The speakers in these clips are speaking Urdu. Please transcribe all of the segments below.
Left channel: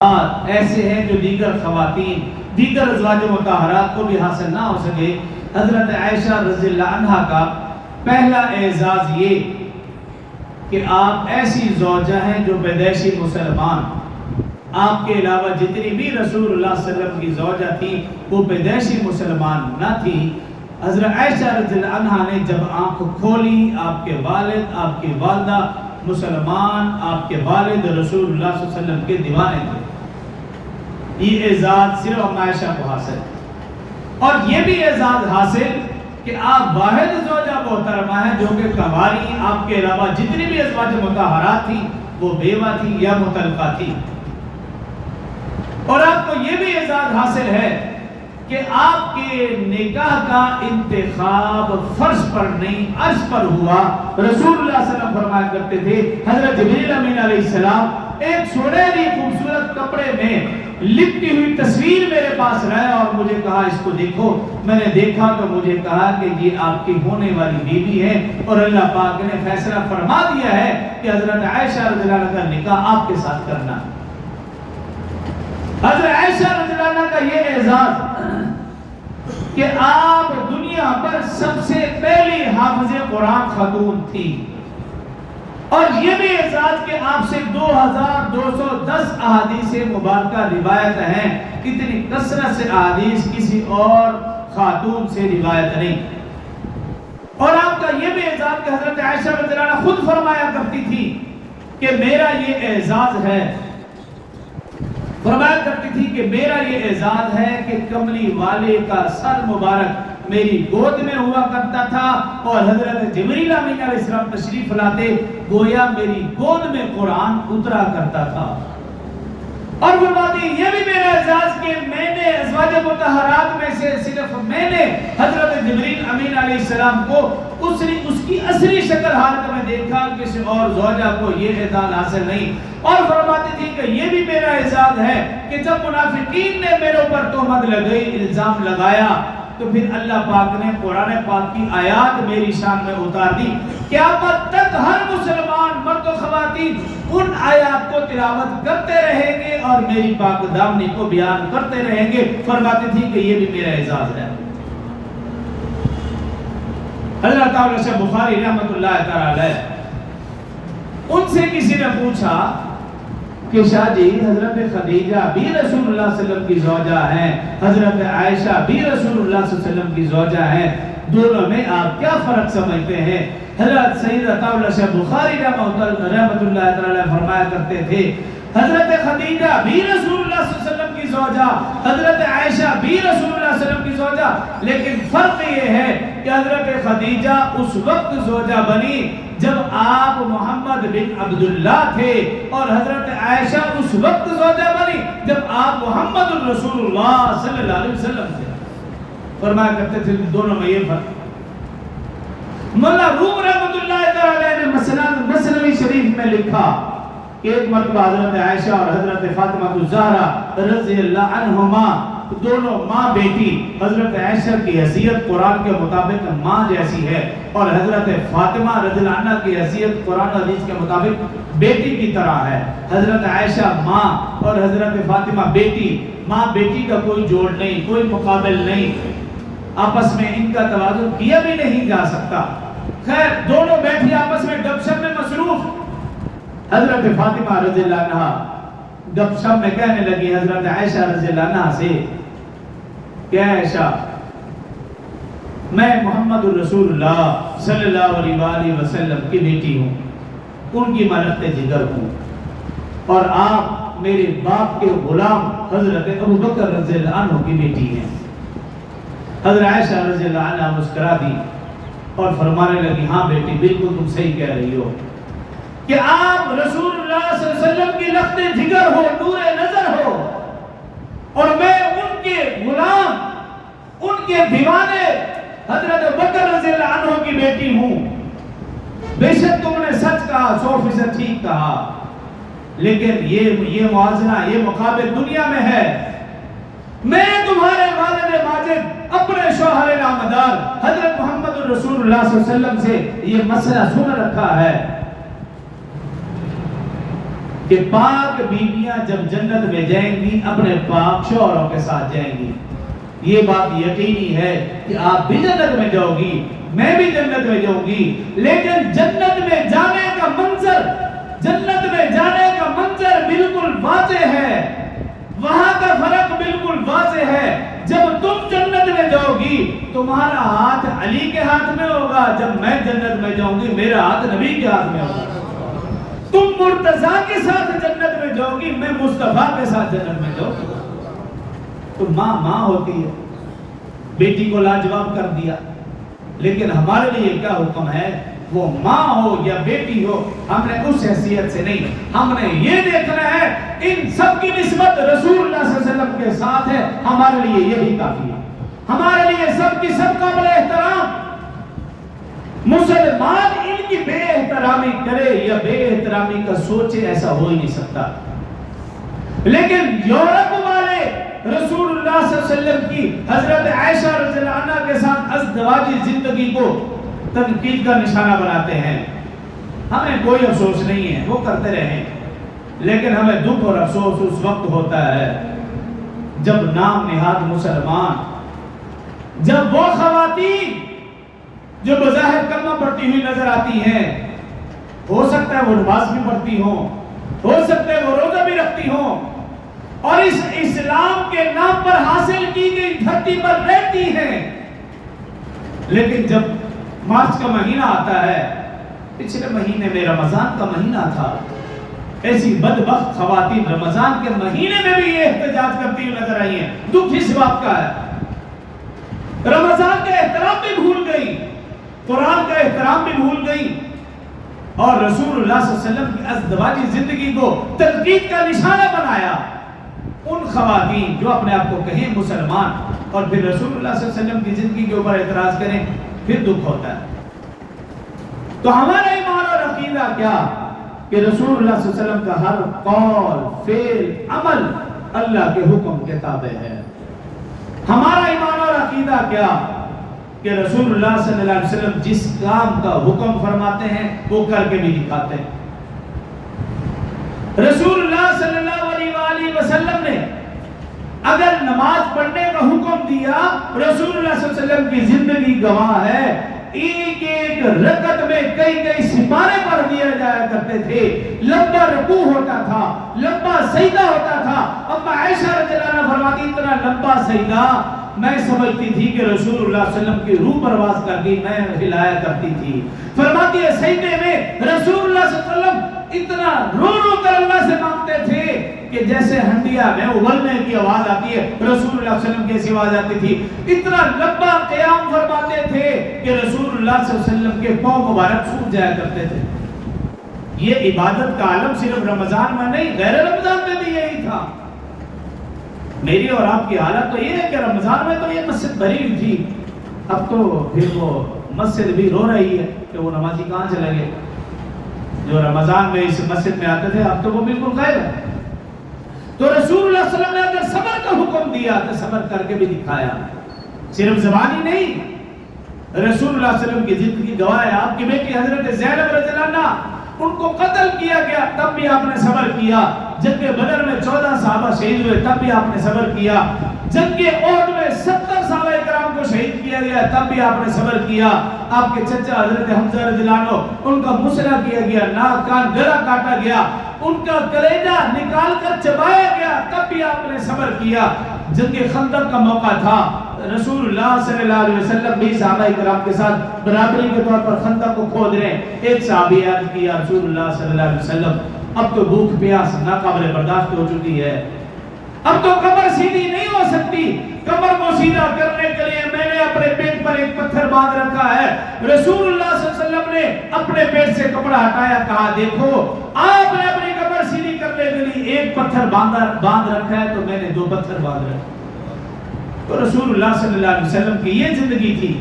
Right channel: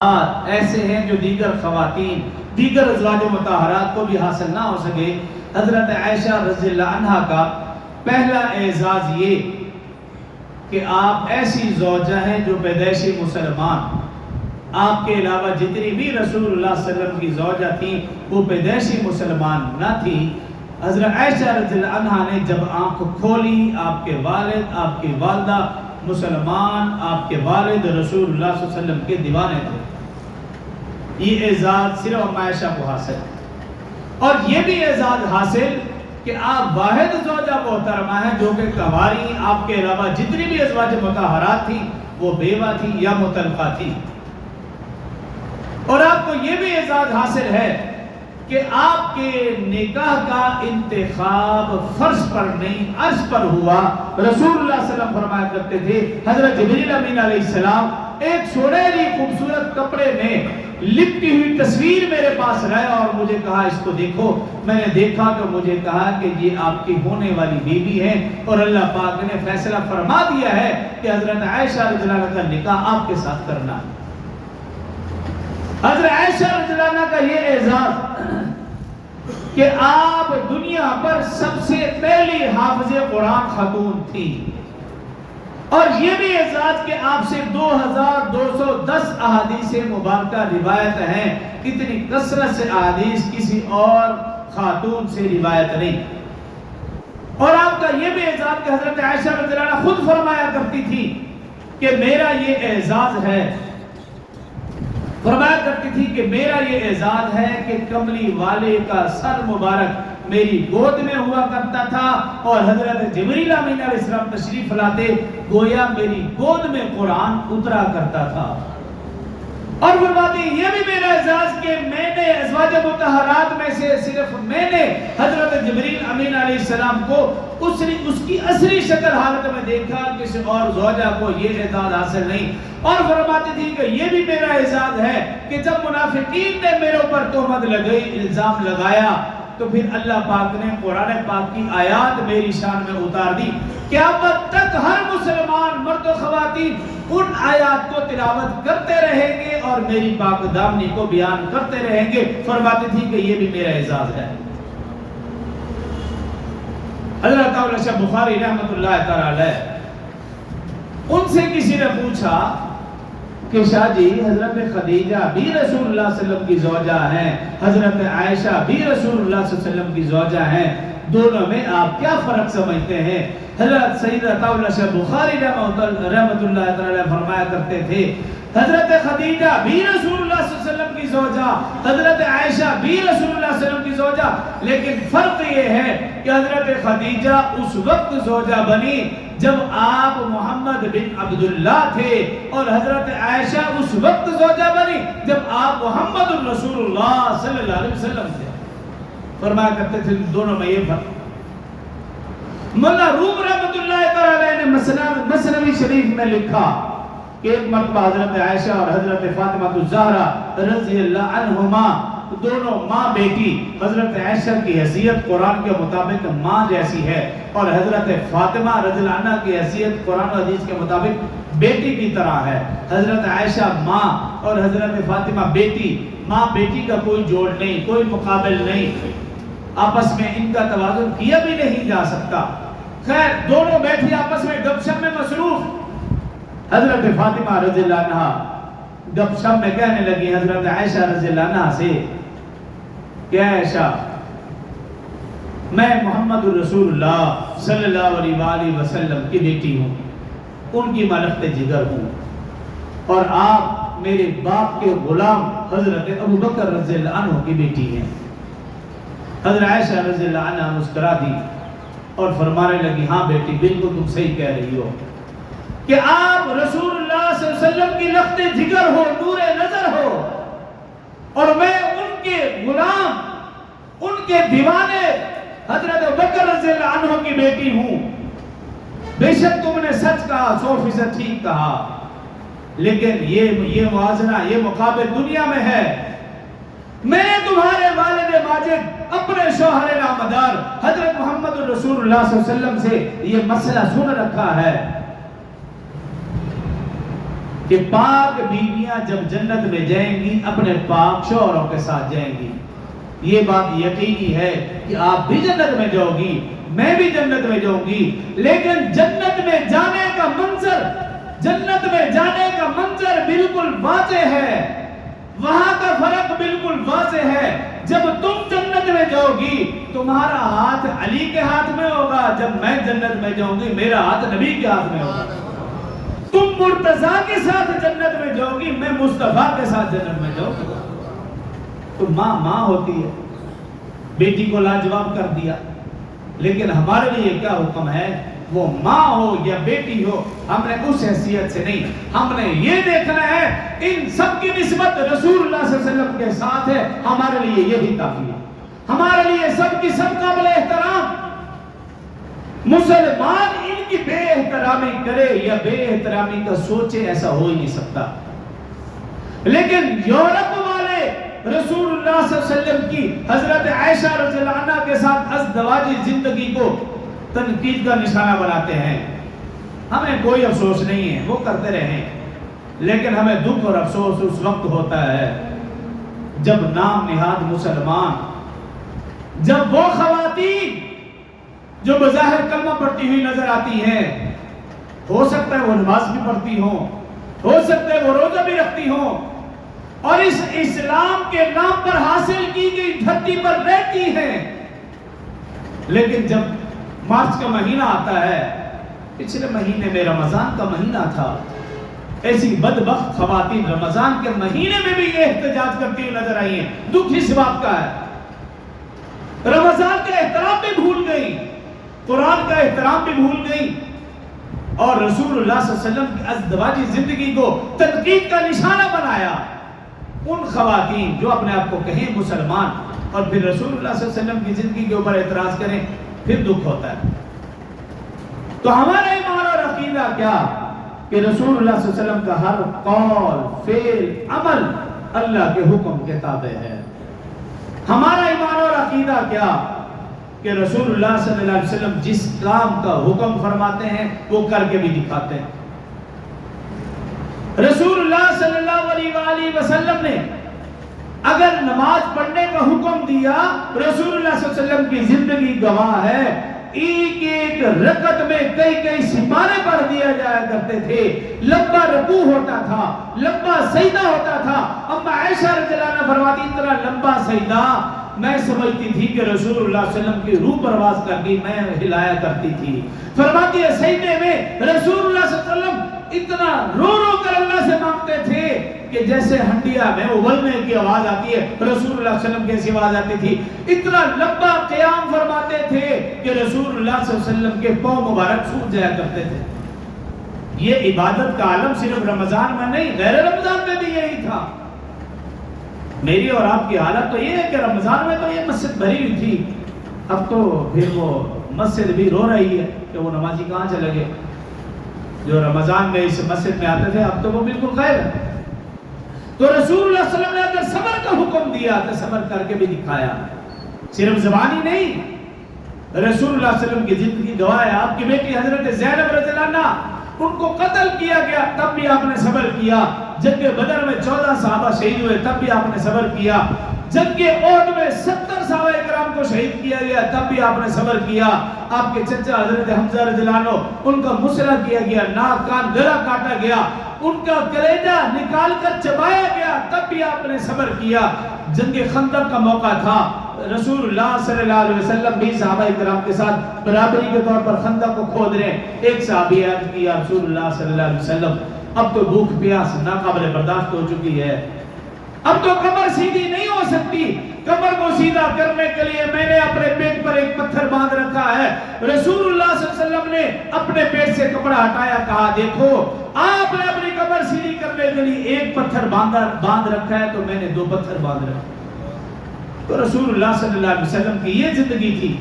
ایسے ہیں جو دیگر خواتین دیگر ازواج مطہرات کو بھی حاصل نہ ہو سکے۔ حضرت عائشہ رضی اللہ عنہا کا پہلا اعزاز یہ کہ آپ ایسی زوجہ ہیں جو پیدائشی مسلمان، آپ کے علاوہ جتنی بھی رسول اللہ صلی اللہ علیہ وسلم کی زوجہ تھی وہ پیدائشی مسلمان نہ تھی۔ حضرت عائشہ رضی اللہ عنہا نے جب آنکھ کھولی، آپ کے والد، آپ کی والدہ مسلمان، آپ کے والد رسول اللہ صلی اللہ علیہ وسلم کے دیوانے تھے۔ یہ اعزاز صرف عائشہ کو حاصل ہے، اور یہ بھی اعزاز حاصل کہ آپ واحد زوجہ محترمہ ہیں جو کہ کنواری، آپ کے علاوہ جتنی بھی ازواج مطہرات تھیں وہ بیوہ تھی یا مطلقہ تھی۔ اور آپ کو یہ بھی اعزاز حاصل ہے کہ آپ کے نکاح کا انتخاب فرض پر نہیں عرض پر ہوا۔ رسول اللہ صلی اللہ علیہ وسلم فرمایا کرتے تھے، حضرت جبریل امین علیہ السلام ایک سنہری خوبصورت کپڑے میں لپٹی ہوئی تصویر میرے پاس لایا اور مجھے کہا اس کو دیکھو۔ میں نے دیکھا تو مجھے کہا کہ یہ آپ کی ہونے والی بیوی ہے، اور اللہ پاک نے فیصلہ فرما دیا ہے کہ حضرت عائشہ رضی اللہ عنہا کا نکاح آپ کے ساتھ کرنا ہے۔ حضرت عائشہ رضی اللہ عنہا کا یہ اعزاز کہ آپ دنیا پر سب سے پہلی حافظ قرآن خاتون تھی، اور یہ بھی اعزاز کہ آپ سے 2210 احادیث مبارکہ روایت ہیں۔ اتنی کثرت سے احادیث کسی اور خاتون سے روایت نہیں۔ اور آپ کا یہ بھی اعزاز کہ حضرت عائشہ رضی اللہ عنہا خود فرمایا کرتی تھی کہ میرا یہ اعزاز ہے، فرمایا کرتی تھی کہ میرا یہ اعزاز ہے کہ کملی والے کا سر مبارک میری گود میں ہوا کرتا تھا، اور حضرت جبریل امین علیہ السلام تشریف لاتے گویا میری گود میں قرآن اترا کرتا تھا۔ اور فرماتے ہیں یہ بھی میرا اعزاز کہ میں نے ازواج مطہرات میں سے صرف میں نے حضرت جبریل امین علیہ السلام کو اس کی اصلی شکل حالت میں دیکھا، کسی اور زوجہ کو یہ اعزاز حاصل نہیں۔ اور فرماتی تھی کہ یہ بھی میرا اعزاز ہے کہ جب منافقین نے میرے اوپر تہمت لگائی، الزام لگایا، تو پھر اللہ پاک نے قرآن پاک کی آیات میری شان میں اتار دی۔ قیامت تک ہر مسلمان مرد و خواتین ان آیات کو تلاوت کرتے رہیں گے اور میری پاک دامنی کو بیان کرتے رہیں گے۔ فرماتی تھی کہ یہ بھی میرا اعزاز ہے۔ حضرت عائشہ بخاری رحمۃ اللہ تعالی علیہ، ان سے کسی نے پوچھا کہ شاہ جی حضرت خدیجہ بھی رسول اللہ صلی اللہ علیہ وسلم کی زوجہ ہیں، حضرت عائشہ بھی رسول اللہ صلی اللہ علیہ وسلم کی زوجہ ہیں، دونوں میں آپ کیا فرق سمجھتے ہیں؟ حضرت سیدہ عائشہ بخاری رحمۃ اللہ تعالی فرمایا کرتے تھے، حضرت خدیجہ بھی رسول اللہ صلی اللہ علیہ وسلم کی زوجہ، حضرت عائشہ بھی رسول اللہ صلی اللہ علیہ وسلم کی زوجہ، لیکن فرق یہ ہے کہ حضرت خدیجہ اس وقت زوجہ بنی جب آپ محمد بن عبداللہ تھے، اور حضرت عائشہ اس وقت زوجہ بنی جب آپ محمد الرسول اللہ صلی اللہ علیہ وسلم تھے۔ فرمایا کرتے تھے دونوں میں یہ فرق۔ مولا روم رحمۃ اللہ تعالی نے مثنوی شریف میں لکھا کہ ایک مرتبہ حضرت عائشہ اور حضرت فاطمہ الزہرا رضی اللہ عنہما دونوں ماں بیٹی، حضرت عائشہ کی حیثیت قرآن کے مطابق ماں جیسی ہے، اور حضرت فاطمہ رضی اللہ عنہ کی حیثیت قرآن و حدیث کے مطابق بیٹی کی طرح ہے۔ حضرت عائشہ ماں اور حضرت فاطمہ بیٹی، ماں بیٹی کا کوئی جوڑ نہیں، کوئی مقابل نہیں، آپس میں ان کا توازن کیا بھی نہیں جا سکتا۔ خیر دونوں بیٹھی آپس میں گپ شپ میں مصروف۔ حضرت فاطمہ رضی اللہ عنہ گپ شپ میں کہنے لگی حضرت عائشہ رضی اللہ عنہ سے کہ عائشہ میں محمد الرسول اللہ صلی اللہ علیہ وآلہ وسلم کی بیٹی ہوں، ان کی ملکت جگر ہوں، اور آپ میرے باپ کے غلام حضرت ابوبکر رضی اللہ عنہ کی بیٹی ہیں۔ حضرت عائشہ رضی اللہ عنہ مسکرا دی اور فرمانے لگی ہاں بیٹی بالکل تم صحیح کہہ رہی ہو کہ آپ رسول اللہ صلی اللہ علیہ وسلم کی لخت جگر ہو، نور نظر ہو، اور میں ان کے غلام، ان کے دیوانے حضرت ابوبکر رضی اللہ عنہ کی بیٹی ہوں۔ بے شک تم نے سچ کہا، 100% ٹھیک کہا، لیکن یہ موازنہ، یہ مقابل دنیا میں ہے۔ میں تمہارے والد ماجد اپنے شوہر نامدار حضرت محمد الرسول اللہ صلی اللہ علیہ وسلم سے یہ مسئلہ سن رکھا ہے۔ کہ پاک بیویاں جب جنت میں جائیں گی اپنے پاک شوہروں کے ساتھ جائیں گی. یہ بات یقینی ہے کہ آپ بھی جنت میں جاؤ گی، میں بھی جنت میں جاؤں گی. لیکن جنت میں جانے کا منظر، جنت میں جانے کا منظر بالکل واضح ہے. وہاں کا فرق بالکل واضح ہے. جب تم جنت میں جاؤ گی تمہارا ہاتھ علی کے ہاتھ میں ہوگا، جب میں جنت میں جاؤں گی میرا ہاتھ نبی کے ہاتھ میں ہوگا. تم مرتضیٰ کے ساتھ جنت میں جاؤ گی، میں مصطفیٰ کے ساتھ جنت میں جاؤں گی. تو ماں ہوتی ہے، بیٹی کو لاجواب کر دیا. لیکن ہمارے لیے کیا حکم ہے؟ وہ ماں ہو یا بیٹی ہو، ہم نے اس حیثیت سے نہیں، ہم نے یہ دیکھنا ہے ان سب کی نسبت رسول اللہ صلی اللہ علیہ وسلم کے ساتھ ہے. ہمارے لیے یہی کافی ہے. ہمارے لیے سب کی سب قابل احترام. مسلمان ان کی بے احترامی کرے یا بے احترامی کا سوچے، ایسا ہو ہی نہیں سکتا. لیکن یورپ والے رسول اللہ صلی اللہ علیہ وسلم کی حضرت عائشہ رضی اللہ عنہ کے ساتھ ازدواجی زندگی کو تنقید کا نشانہ بناتے ہیں. ہمیں کوئی افسوس نہیں ہے، وہ کرتے رہیں. لیکن ہمیں دکھ اور افسوس اس وقت ہوتا ہے جب نام نہاد مسلمان، جب وہ خواتین جو بظاہر کلمہ پڑھتی ہوئی نظر آتی ہیں، ہو سکتا ہے وہ نماز بھی پڑھتی ہوں، ہو سکتا ہے وہ روزہ بھی رکھتی ہوں، اور اس اسلام کے نام پر حاصل کی گئی دھرتی پر رہتی ہیں، لیکن جب مارچ کا مہینہ آتا ہے، پچھلے مہینے میں رمضان کا مہینہ تھا، ایسی بدبخت خواتین رمضان کے مہینے میں بھی یہ احتجاج کرتی ہوئی نظر آئی ہیں. دکھ اس بات کا ہے رمضان کا احترام بھی بھول گئی، قرآن کا احترام بھی بھول گئی، اور رسول اللہ صلی اللہ علیہ وسلم کی ازدواجی زندگی کو تنقید کا نشانہ بنایا. ان خواتین جو اپنے آپ کو کہیں مسلمان اور پھر رسول اللہ صلی اللہ علیہ وسلم کی زندگی کے اوپر اعتراض کریں، پھر دکھ ہوتا ہے. تو ہمارا ایمان اور عقیدہ کیا کہ رسول اللہ صلی اللہ علیہ وسلم کا ہر قول، فعل، عمل اللہ کے حکم کے تابع ہے. ہمارا ایمان اور عقیدہ کیا کہ رسول اللہ صلی اللہ علیہ وسلم جس کام کا حکم فرماتے ہیں وہ کر کے بھی دکھاتے ہیں. رسول اللہ صلی اللہ علیہ وآلہ وسلم نے اگر نماز پڑھنے کا حکم دیا، رسول اللہ صلی اللہ علیہ وسلم کی زندگی گواہ ہے، ایک ایک رکعت میں کئی سپارے پڑھ دیا جایا کرتے تھے. لمبا رکوع ہوتا تھا، لمبا سجدہ ہوتا تھا. اما عائشہ رضی اللہ عنہا فرماتی اتنا لمبا سجدہ میں سمجھتی تھی کہ رسول اللہ صلی اللہ علیہ وسلم کی روح پرواز کر گئی، میں ہلایا کرتی تھی. فرماتی ہے سجدے میں رسول اللہ صلی اللہ علیہ وسلم اتنا رو کر اللہ سے مانگتے تھے کہ جیسے ہنڈیا میں اگلنے کی آواز آتی ہے، رسول اللہ صلی اللہ علیہ وسلم کی ایسی آواز آتی تھی. اتنا لمبا قیام فرماتے تھے کہ رسول اللہ صلی اللہ علیہ وسلم کے پاؤں مبارک سوکھ جایا کرتے تھے. یہ عبادت کا عالم صرف رمضان میں نہیں، غیر رمضان میں بھی یہی تھا. میری اور آپ کی حالت تو یہ ہے کہ رمضان میں تو یہ مسجد بھری ہوئی تھی، اب تو پھر وہ مسجد بھی رو رہی ہے کہ وہ نمازی کہاں چلے گئے جو رمضان میں اس مسجد میں آتے تھے، اب تو وہ بالکل غائب ہے. تو رسول اللہ صلی اللہ علیہ وسلم نے اگر صبر کا حکم دیا تو صبر کر کے بھی دکھایا، صرف زبانی نہیں. رسول اللہ صلی اللہ علیہ وسلم کی زندگی گواہ ہے. آپ کی بیٹی حضرت زینب رضی اللہ عنہا، ان کو قتل کیا گیا تب بھی آپ نے صبر کیا. جنگ بدر میں 14 صحابہ شہید ہوئے تب بھی آپ نے صبر کیا. جنگ احد میں 70 صحابہ کرام کو شہید کیا گیا تب بھی آپ نے صبر کیا. آپ کے چچا حضرت حمزہ رضی اللہ عنہ، ان کا مسئلہ کیا گیا، ناک کان گلا کاٹا گیا، ان کا کلیجہ نکال کر چبایا گیا تب بھی آپ نے صبر کیا. جنگ خندق کا موقع تھا، رسول اللہ صلی اللہ علیہ وسلم بھی صحابہ کرام کے ساتھ برابری کے طور پر خندق کو کھود رہے ہیں. ایک صحابی عرض کیا رسول اللہ صلی اللہ علیہ وسلم اب تو بھوک پیاس ناقابل برداشت ہو چکی ہے، اب تو کمر سیدھی نہیں ہو سکتی. کمر کو سیدھا کرنے کے لیے میں نے اپنے پیٹ پر ایک پتھر باندھ رکھا ہے. رسول اللہ صلی اللہ علیہ وسلم نے اپنے پیٹ سے کپڑا ہٹایا، کہا دیکھو آپ نے اپنی کمر سیدھی کرنے کے لیے ایک پتھر باندھ رکھا ہے تو میں نے 2 پتھر باندھ رکھے. تو رسول اللہ صلی اللہ علیہ وسلم کی یہ زندگی تھی.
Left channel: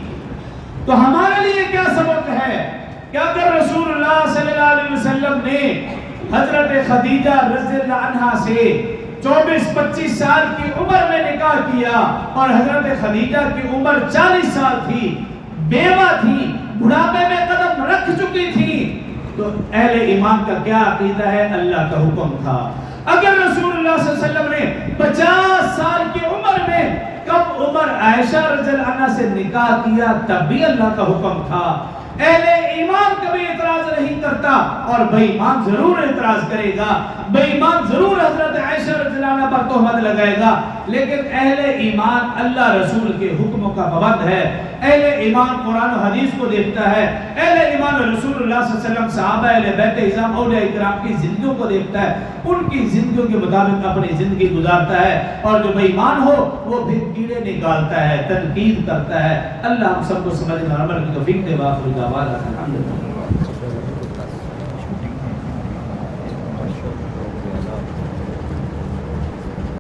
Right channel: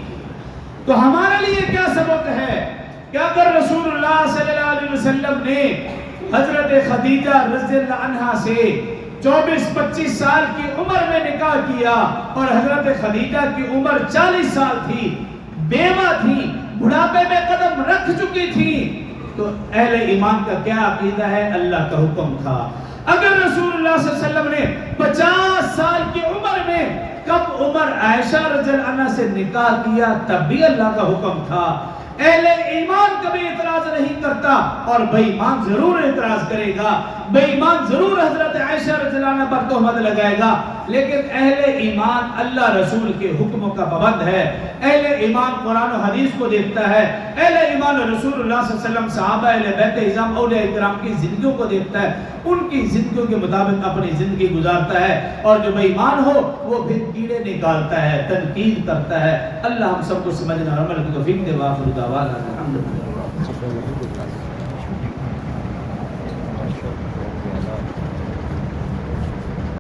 تو ہمارے لیے کیا سبق ہے کہ اگر رسول اللہ صلی اللہ علیہ وسلم نے حضرت خدیجہ رضی اللہ عنہا سے 24-25 سال کی عمر میں نکاح کیا اور حضرت خدیجہ کی عمر 40 سال تھی، بیوہ تھی، بڑھاپے میں قدم رکھ چکی تھی، تو اہل ایمان کا کیا عقیدہ ہے؟ اللہ کا حکم تھا. اگر رسول اللہ صلی اللہ علیہ وسلم نے 50 سال کی عمر میں کب عمر عائشہ رضی اللہ عنہ سے نکاح کیا تب بھی اللہ کا حکم تھا. اہل ایمان کبھی اعتراض نہیں کرتا اور بے ایمان ضرور اعتراض کرے گا. بے ایمان ضرور حضرت عائشہ رضی اللہ عنہ پر تہمت لگائے گا، لیکن اہل ایمان اللہ رسول کے حکموں کا پابند ہے. اہل ایمان قرآن و حدیث کو دیکھتا ہے. اہل ایمان رسول اللہ صلی اللہ علیہ وسلم، صحابہ، اہل بیت اعظام، اولیاء کرام کی زندگیوں کو دیکھتا ہے. ان کی زندگیوں کے مطابق اپنی زندگی گزارتا ہے. اور جو بے ایمان ہو وہ پھر کیڑے نکالتا ہے، تنقید کرتا ہے. اللہ ہم سب کو سمجھنے اور عمل کی توفیق دے. وآخر دعوانا الحمدللہ.